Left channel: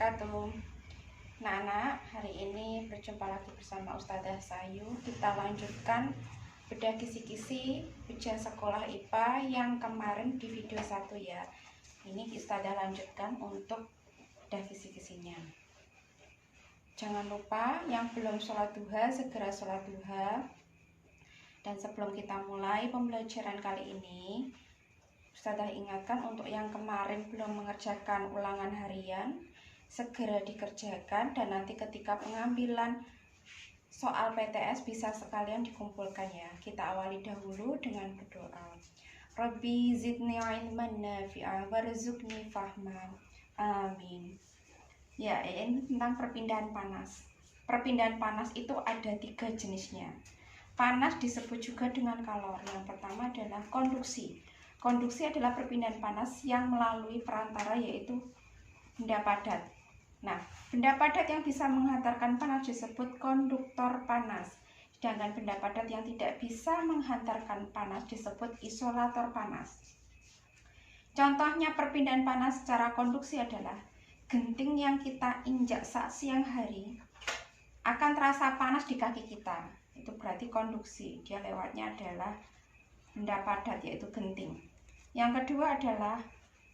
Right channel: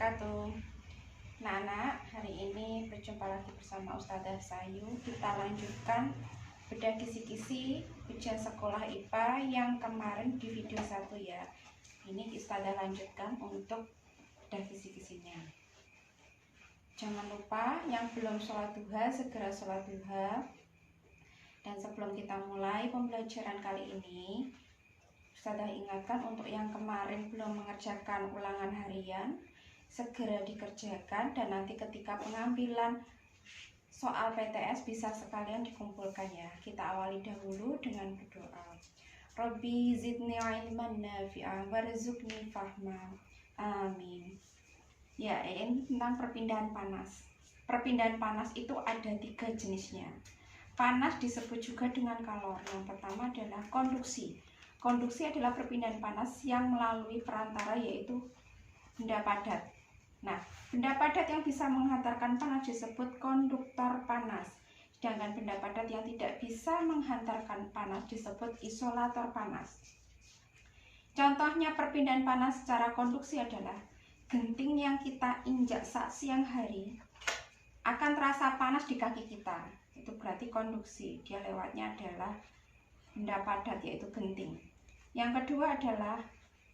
wabarakatuh. Nah, hari ini berjumpa lagi bersama Ustazah Sayu. Kita lanjutkan bedah kisi-kisi ujian sekolah IPA yang kemarin di video 1 ya. Ini Ustazah lanjutkan untuk bedah kisi-kisinya. Jangan lupa yang belum sholat duha segera sholat duha. Dan sebelum kita mulai pembelajaran kali ini, Ustazah ingatkan untuk yang kemarin belum mengerjakan ulangan harian, segera dikerjakan, dan nanti ketika pengambilan soal PTS bisa sekalian dikumpulkan ya. Kita awali dahulu dengan berdoa. Rabbi zidni ilman nafi'a warzuqni fahman. Amin. Ya, ini tentang perpindahan panas. Perpindahan panas itu ada 3 jenisnya. Panas disebut juga dengan kalor. Yang pertama adalah konduksi. Konduksi adalah perpindahan panas yang melalui perantara, yaitu benda padat. Nah, benda padat yang bisa menghantarkan panas disebut konduktor panas. Sedangkan benda padat yang tidak bisa menghantarkan panas disebut isolator panas. Contohnya perpindahan panas secara konduksi adalah genting yang kita injak saat siang hari akan terasa panas di kaki kita. Itu berarti konduksi. Dia lewatnya adalah benda padat, yaitu genting. Yang kedua adalah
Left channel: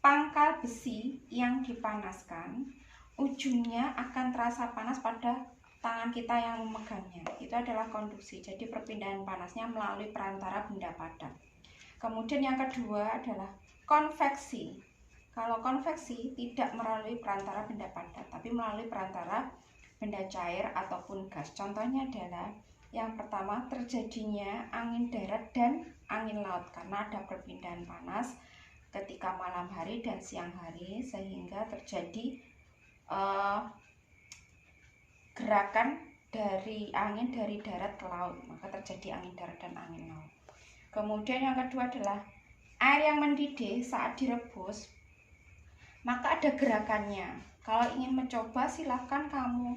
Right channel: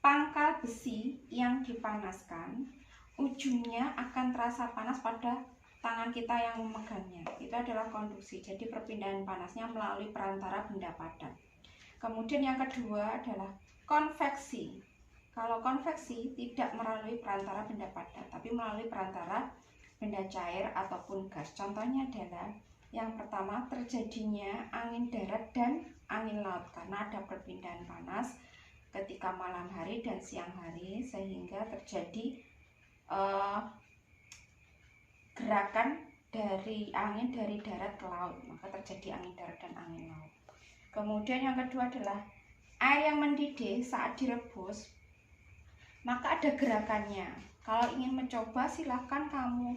pangkal besi yang dipanaskan, ujungnya akan terasa panas pada tangan kita yang memegangnya. Itu adalah konduksi. Jadi perpindahan panasnya melalui perantara benda padat. Kemudian yang kedua adalah konveksi. Kalau konveksi tidak melalui perantara benda padat, tapi melalui perantara benda cair ataupun gas. Contohnya adalah yang pertama, terjadinya angin darat dan angin laut karena ada perpindahan panas ketika malam hari dan siang hari, sehingga terjadi gerakan dari angin dari darat ke laut, maka terjadi angin darat dan angin laut. Kemudian yang kedua adalah air yang mendidih saat direbus, maka ada gerakannya. Kalau ingin mencoba, silahkan kamu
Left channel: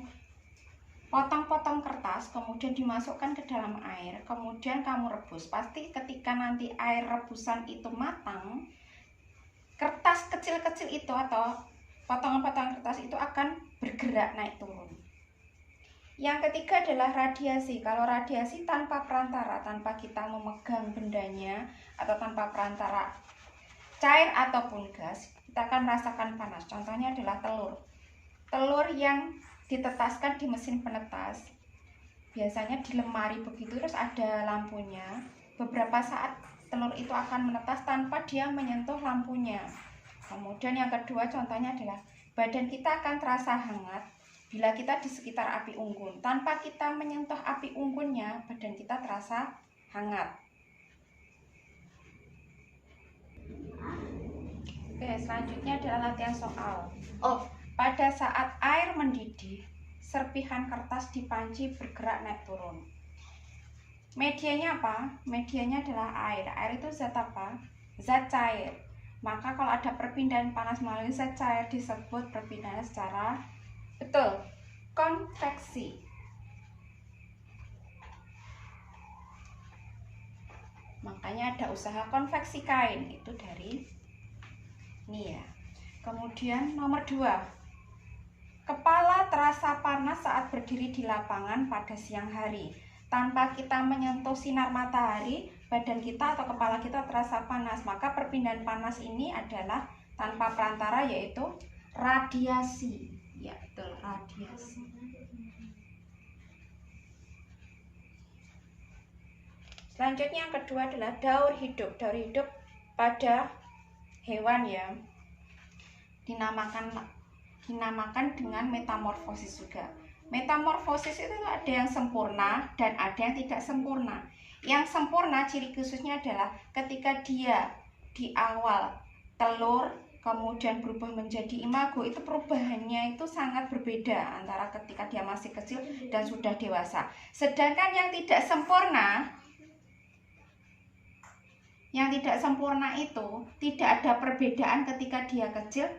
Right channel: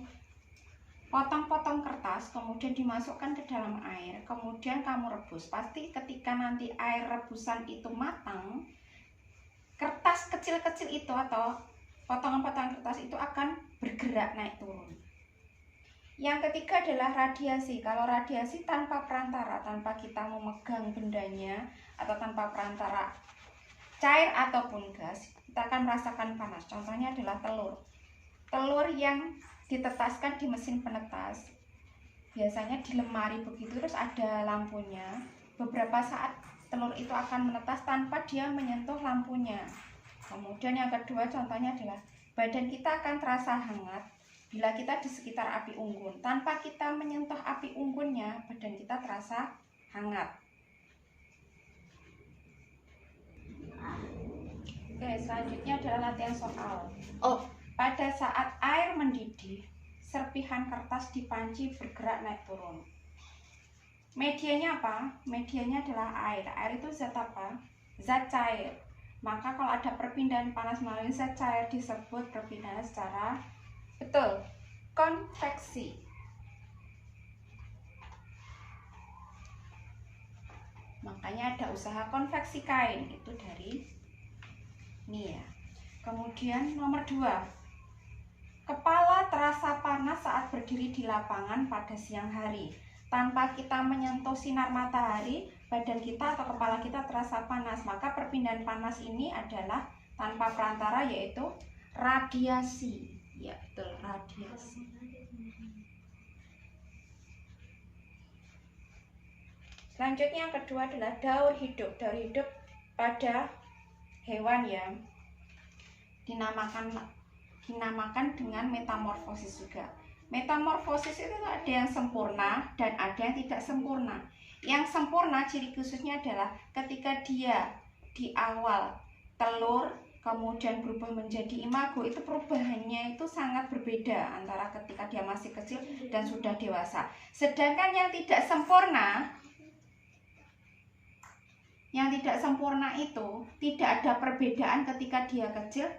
potong-potong kertas, kemudian dimasukkan ke dalam air, kemudian kamu rebus. Pasti ketika nanti air rebusan itu matang, kertas kecil-kecil itu atau potongan-potongan kertas itu akan bergerak naik turun. Yang ketiga adalah radiasi. Kalau radiasi tanpa perantara, tanpa kita memegang bendanya, atau tanpa perantara cair ataupun gas, kita akan merasakan panas. Contohnya adalah telur. Telur yang ditetaskan di mesin penetas, biasanya di lemari begitu, terus ada lampunya. Beberapa saat telur itu akan menetas tanpa dia menyentuh lampunya. Kemudian yang kedua contohnya adalah badan kita akan terasa hangat bila kita di sekitar api unggun. Tanpa kita menyentuh api unggunnya, badan kita terasa hangat. Oke, selanjutnya adalah latihan soal. Pada saat air mendidih, serpihan kertas di panci bergerak naik turun. Medianya apa? Medianya adalah air. Air itu zat apa? Zat cair. Maka kalau ada perpindahan panas melalui zat cair disebut perpindahan secara konveksi. Makanya ada usaha konveksi kain, itu dari ini ya. Kemudian nomor 2. Kepala terasa panas saat berdiri di lapangan pada siang hari. Tanpa kita menyentuh sinar matahari, badan kita atau kepala kita terasa panas. Maka perpindahan panas ini adalah tanpa perantara, yaitu radiasi. Ya, betul, radiasi. Selanjutnya yang kedua adalah daur hidup. Daur hidup pada hewan ya, dinamakan dengan metamorfosis juga. Metamorfosis itu ada yang sempurna dan ada yang tidak sempurna. Yang sempurna ciri khususnya adalah ketika dia di awal telur kemudian berubah menjadi imago, itu perubahannya itu sangat berbeda antara ketika dia masih kecil dan sudah dewasa. Sedangkan yang tidak sempurna itu tidak ada perbedaan ketika dia kecil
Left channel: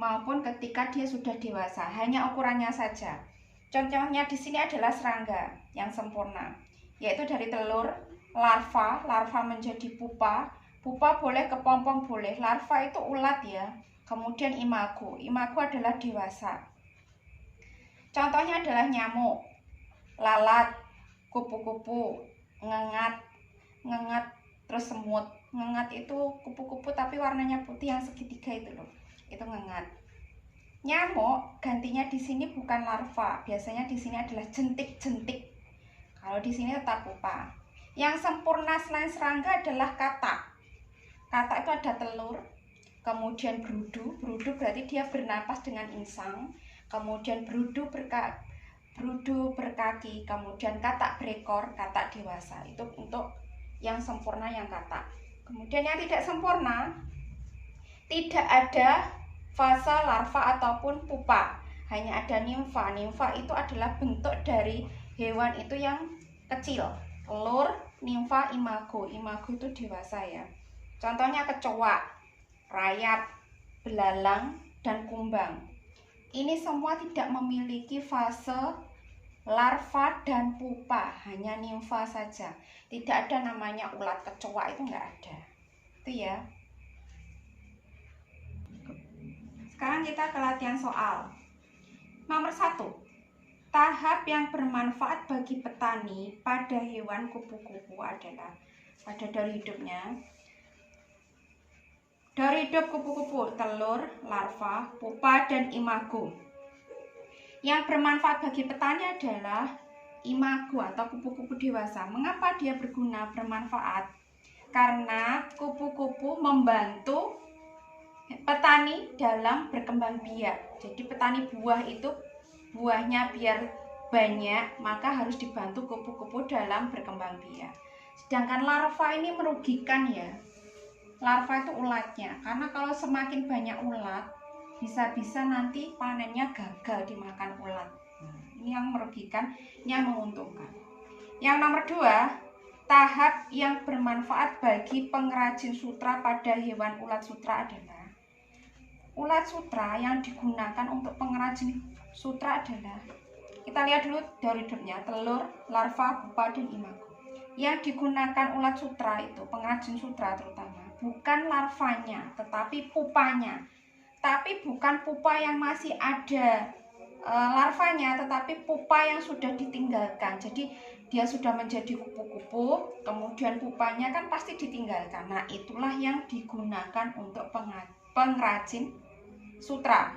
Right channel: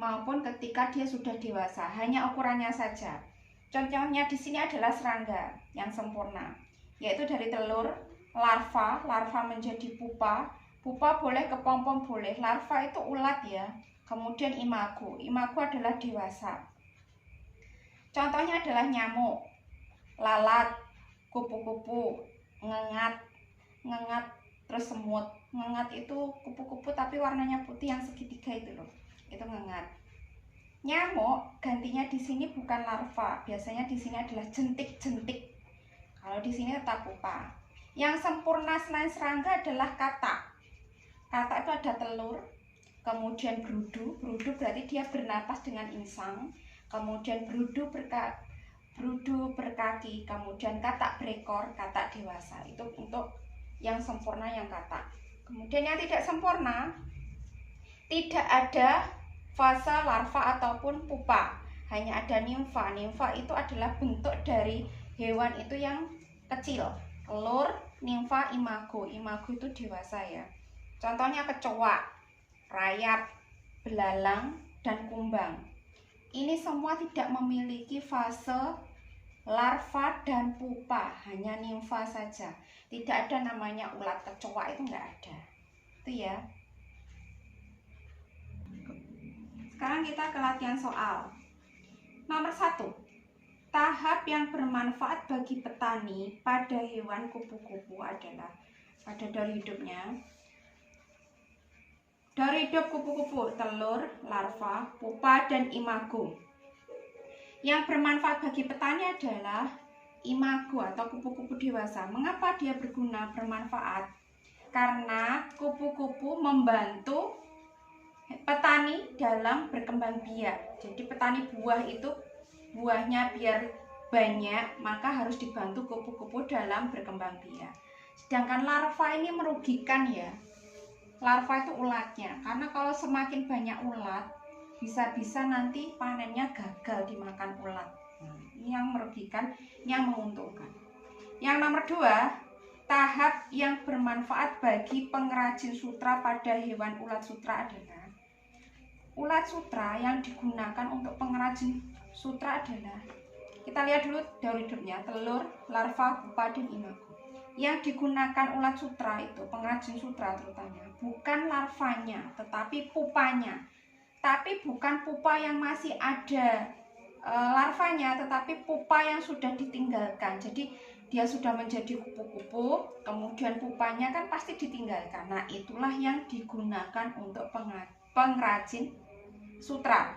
maupun ketika dia sudah dewasa, hanya ukurannya saja. Contohnya di sini adalah serangga yang sempurna, yaitu dari telur, larva menjadi pupa boleh, kepompong boleh. Larva itu ulat ya. Kemudian imago adalah dewasa. Contohnya adalah nyamuk, lalat, kupu-kupu, ngengat, terus semut. Ngengat itu kupu-kupu tapi warnanya putih yang segitiga itu loh, itu ngengat. Nyamuk gantinya di sini bukan larva, biasanya di sini adalah jentik-jentik. Kalau di sini tetap pupa. Yang sempurna selain serangga adalah katak. Katak itu ada telur, kemudian berudu. Berudu berarti dia bernapas dengan insang. Kemudian berudu berkaki, kemudian katak berekor, katak dewasa. Itu untuk yang sempurna yang katak. Kemudian yang tidak sempurna, tidak ada fase larva ataupun pupa, hanya ada nimfa. Nimfa itu adalah bentuk dari hewan itu yang kecil. Telur, nimfa, imago. Imago itu dewasa ya. Contohnya kecoa, rayap, belalang, dan kumbang. Ini semua tidak memiliki fase larva dan pupa, hanya nimfa saja. Tidak ada namanya ulat kecoa, itu enggak ada. Itu ya. Sekarang kita ke latihan soal. Nomor 1. Tahap yang bermanfaat bagi petani pada hewan kupu-kupu adalah dari hidupnya. Dari hidup kupu-kupu, telur, larva, pupa, dan imago. Yang bermanfaat bagi petani adalah imago atau kupu-kupu dewasa. Mengapa dia bermanfaat? Karena kupu-kupu membantu petani dalam berkembang biak. Jadi petani buah itu buahnya biar banyak, maka harus dibantu kupu-kupu dalam berkembang biak. Sedangkan larva ini merugikan ya. Larva itu ulatnya, karena kalau semakin banyak ulat, bisa-bisa nanti panennya gagal dimakan ulat. Nah, ini yang merugikan, ini yang menguntungkan. Yang nomor 2, tahap yang bermanfaat bagi pengrajin sutra pada hewan ulat sutra adalah ulat sutra yang digunakan untuk pengrajin sutra adalah, kita lihat dulu dari hidupnya, telur, larva, pupa, dan imago. Yang digunakan ulat sutra itu, pengrajin sutra terutama, bukan larvanya, tetapi pupanya. Tapi bukan pupa yang masih ada larvanya, tetapi pupa yang sudah ditinggalkan. Jadi dia sudah menjadi kupu-kupu, kemudian pupanya kan pasti ditinggalkan. Nah, itulah yang digunakan untuk pengrajin sutra.